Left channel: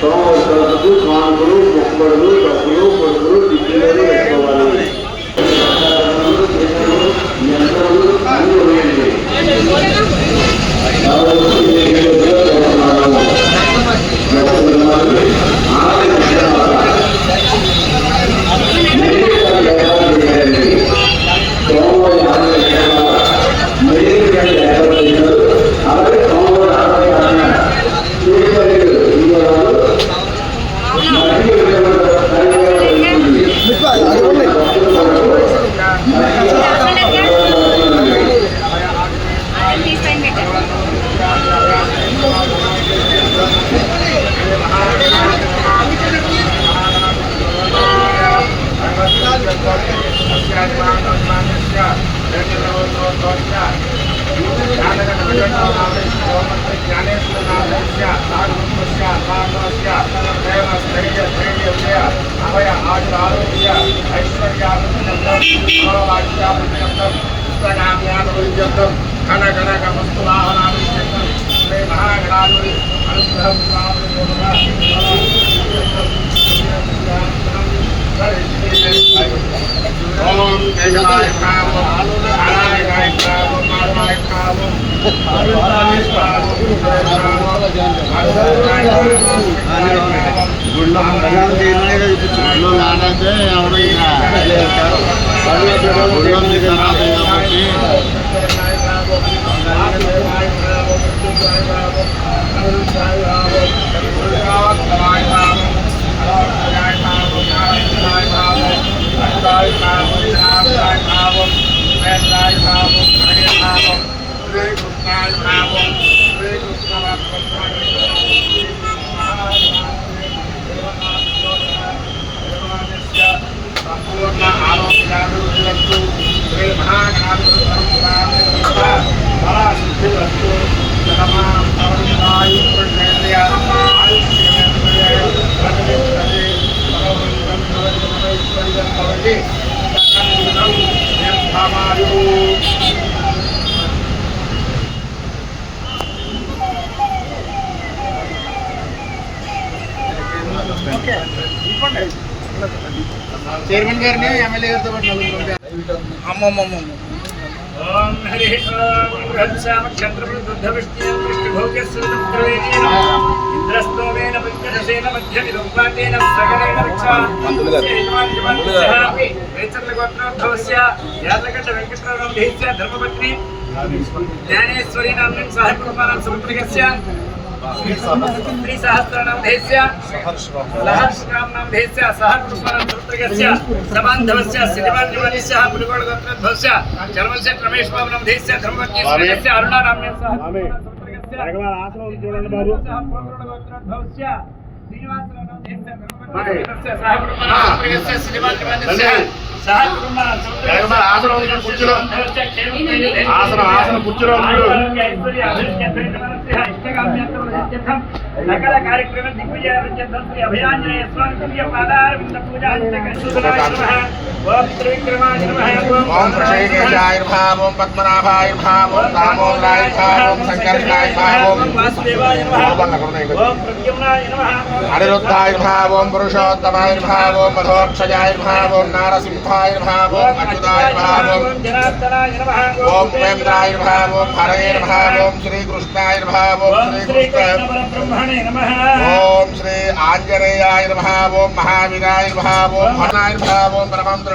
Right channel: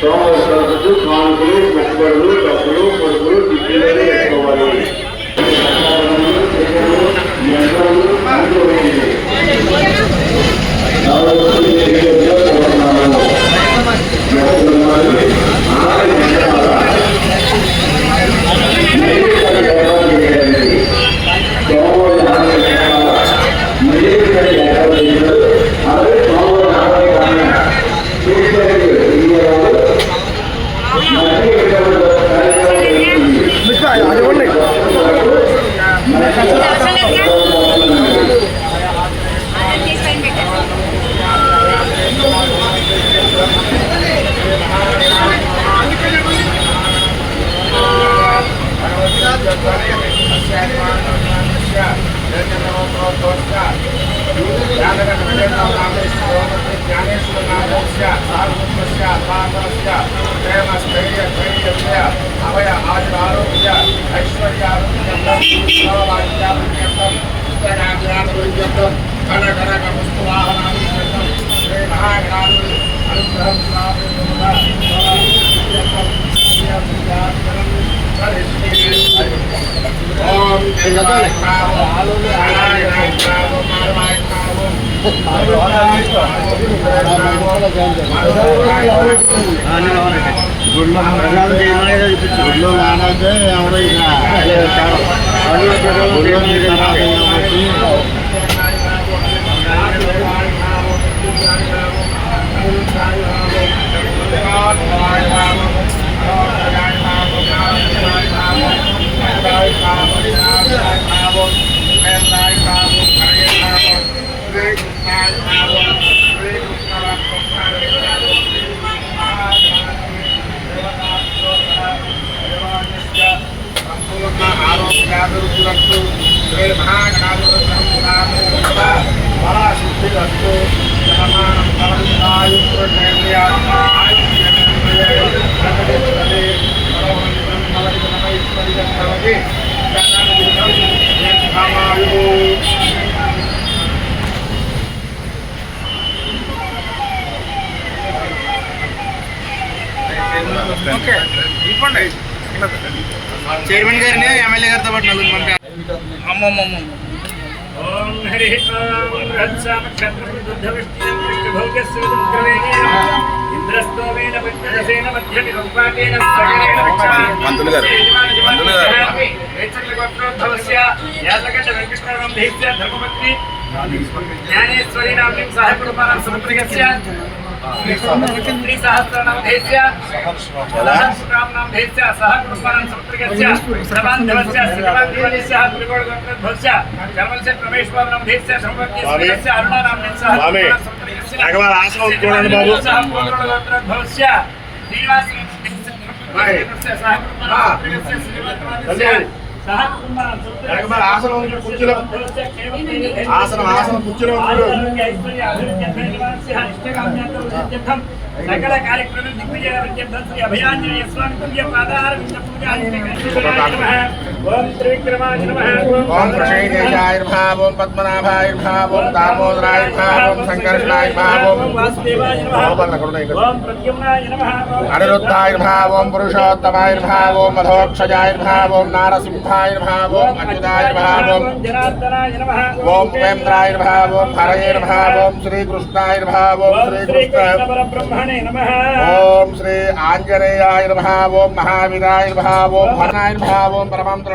సోమవారం కానుకలు మొక్కబడులు డబ్బులు పొడుగులు టిక్కీలు గుళ్ళో గుళ్ళో రానంటే ఎవరైనా గుళ్ళో నీరు రాదు కాబట్టి సంపూర్ణ ఆరోగ్యాభివృద్ధిరస్తు శ్రీ మహాగణాధిపతి పరాశుద్ధిరస్తు జనమాం పరంగాయు పురుషేంద్రియ ఆయుష్యేంద్రియే ప్రతిష్టతే పరమంతం నవైశ్వర్యం భవతి జగన్నిధం యద్భామాయు చైర్మన్ గారిని ఎమ్మెల్యే గారితో పాటు నలుగురు పంపారు అమ్మమ్మమ్మ ఓం హరి ఓం బృహత్సామక్షత్రబుద్ధవిష్ణుం కృష్ణభోగ్యశ్రుతం క్రవేణేన ఇంద్రస్తోమేన పంచదశేన మధ్య నిరుపాటేన సకలేన రక్షామి మంత్రులు గారు. మంత్రులు గారు. వేచక్రగోత్రోద్భవస్య యాతకండ వెంకటరమణం దేశ్య ధర్మపత్ని జ్ఞానేశ్వరి నామ్యం సహకుటుంబానాం సముద్రగస్య सहस्रामनामधेयस्य सहकृत्वरन्त्रिकस्य प्रबन्धवस्य श्रीवाञ्जवनिस्य पुलिकोडगोत्रध्वस्य जर्मलस्य रमेशबाबुनामधेयस्य धर्मवज्ञस्य अरुणानाम्नेन सहकृत्वरन्त्रिकस्य एकबार आसन उठोड़न बाबू सहकृत्वरन्त्रिकस्य श्रीवाञ्जवनिस्य धर्मवज्ञस्य सहकृत्वरन्त्रिकस्य श्रीवाञ्जवनिस्य చూడండి బాబు సహకుటుంబానాం శ్రీనివాస సహకుటుంబానాం శ్రీవాంజవస్య సహకుటుంబానాం రాఘవ ఆశ్రమం ఇక్కడ కుర్చీలో ఆసనం ఆసనం కుర్చీలో ఉన్నాడు సకల కార్యక్రమం దిగ్విజయం శ్రీ అభయాంజనేయ స్వామి దివ్య పాదార వింద పూజా ఓం త్రివిక్రమాయ నమః ఓం వాసుదేవాయ నమః ఓం ప్రద్యుమ్నాయ నమః ఓం జనార్దనాయ నమః ఓం శ్రీ శ్రీకృష్ణ పరబ్రహ్మణే నమః ఓం శ్రీ వినాశిని నమః ఓం సహాయకృతే నమః ఓం ఓం స్వరూపవతే నమః ఓం స్వరూపిణి నమః ఓం సర్వయంత్రాత్మకే నమః ఓం నమః ఓం వెంకటీ భంజనాయ నమః ఓం శ్రీ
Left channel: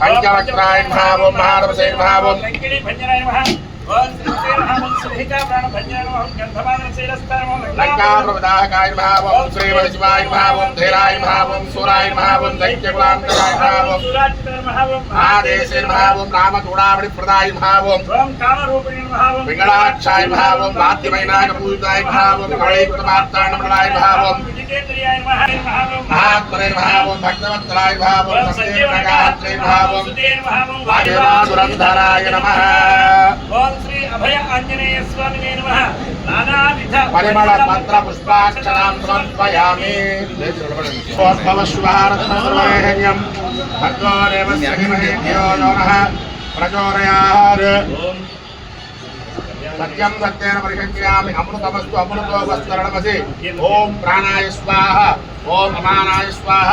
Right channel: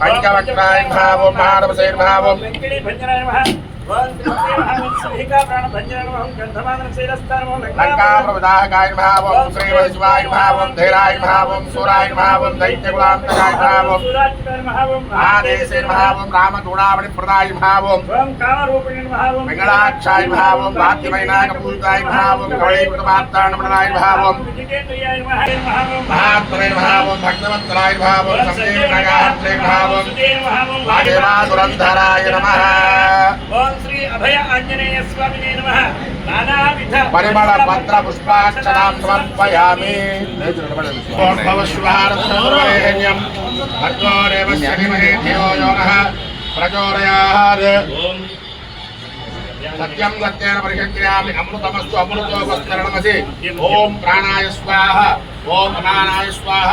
ఓం సూరాయ మహా ఓం దైత్యకులాంతరాయ మహా ఓం సూరాచితాయ మహావం మహాదేశే మహా ఓం రామచూడామణి ప్రదాయ మహా ఓం ఓం కామరూపిణి మహావం వెంకటాక్షాయ మహా ఓం వాద్యమైనాక పూజితాయ మహా ఓం కవళీకృతమార్తాండమలాయ మహా ఓం విజితేంద్రియాయ మహాదే మహావం మహాత్మనే మహా ఓం భక్తవత్సలాయ మహా ఓం ఓం సంజీవనగాత్రే మహా ఓం సంజీవనగాత్రే మహావం వాదేవాసురంధరాయ నమః ఓం శ్రీ అభయ ఆంజనేయ స్వామినే నమః నానావిధ పరిమళ పత్ర పుష్పాక్షరాం సమర్పయామి ధియో యో నః ప్రచోదయాత్ సత్యం సత్యేన పరిషక్ర్యామి అమృతమస్తు అమృతో వస్తరణమసి ఓం ప్రాణాయ స్వాహ. ఓం అమానాయ స్వాహ.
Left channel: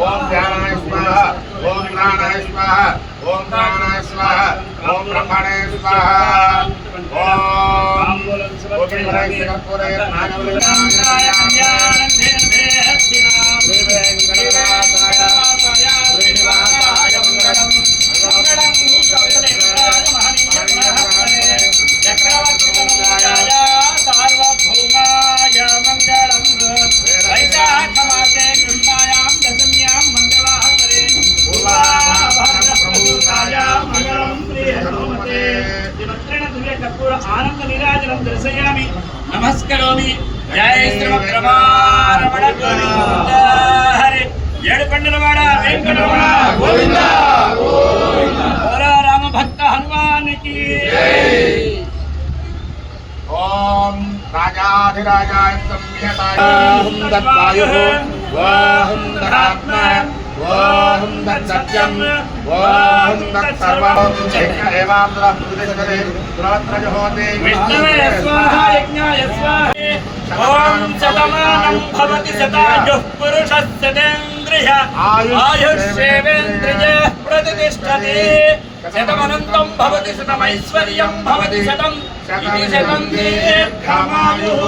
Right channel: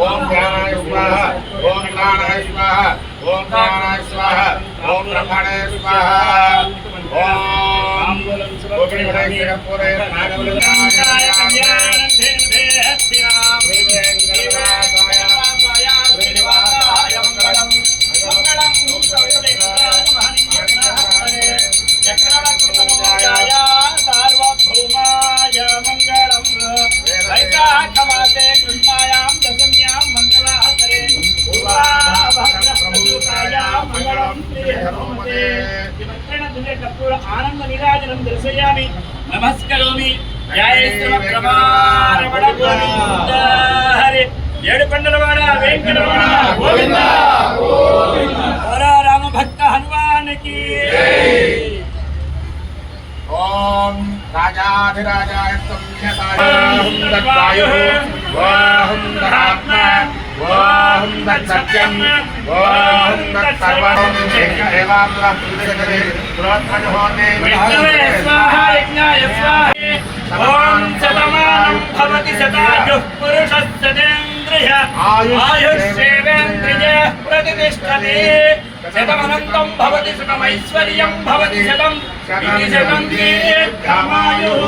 ఓం ప్రాణాయ స్వాహ. ఓం ప్రాణాయ స్వాహ. ఓం ప్రాణాయ స్వాహ. ఓం బ్రహ్మణాయ స్వాహ. ఓం గోపిమణై కర్పూరే శ్రీహనుమతే దినత్రేణ దివ్య కర్పూర ఆనంద నీరాజనం దర్శయామి నమస్కరోమి జయ శ్రీమద్రమారమణ గోవింద హరి ఏడు పండులవాడ వెంకటరమణ గోవింద రామ భక్త హనుమానికి ఓం రాజాధిరాజాయ సంధ్యతాయం దత్తాయుః ఓం దహాత్మ ఓం దత్సత్యం ఓం స్వాహ ఓం శతమానం భవతి శతాయుః పురుషः శతేంద్రియ ఆయుష్యేవేంద్రియే ప్రతిష్టతి. శతమనంతం భవతి శతమైశ్వర్యం భవతి శతం. శతం దీర్ఘమాయుః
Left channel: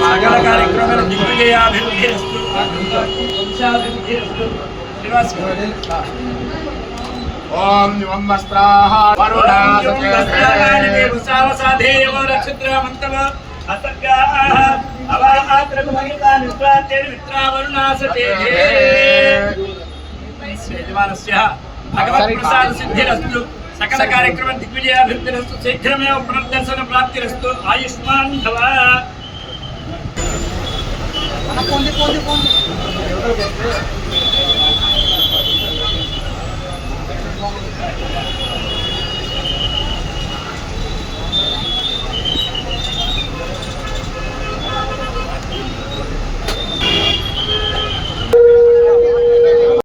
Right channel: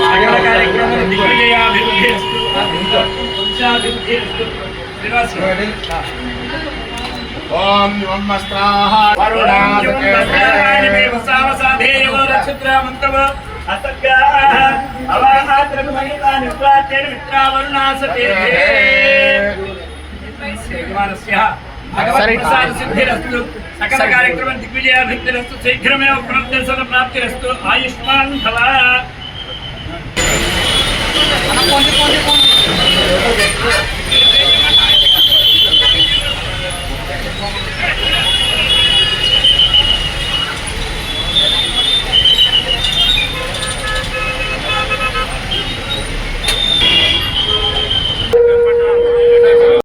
సకల కార్యక్రమాల దిగ్విజయాభివృద్ధి వంశాభివృద్ధి శ్రీనివాస్ ఓం యువం వస్త్రాః వరుణాసతే సకల కార్యక్రమ దిగ్విజయాభివృద్ధిరస్తు శీఘ్రమేవ పునర్దర్శన ప్రాప్తిరస్తు. ఆయుష్మాన్ భవ.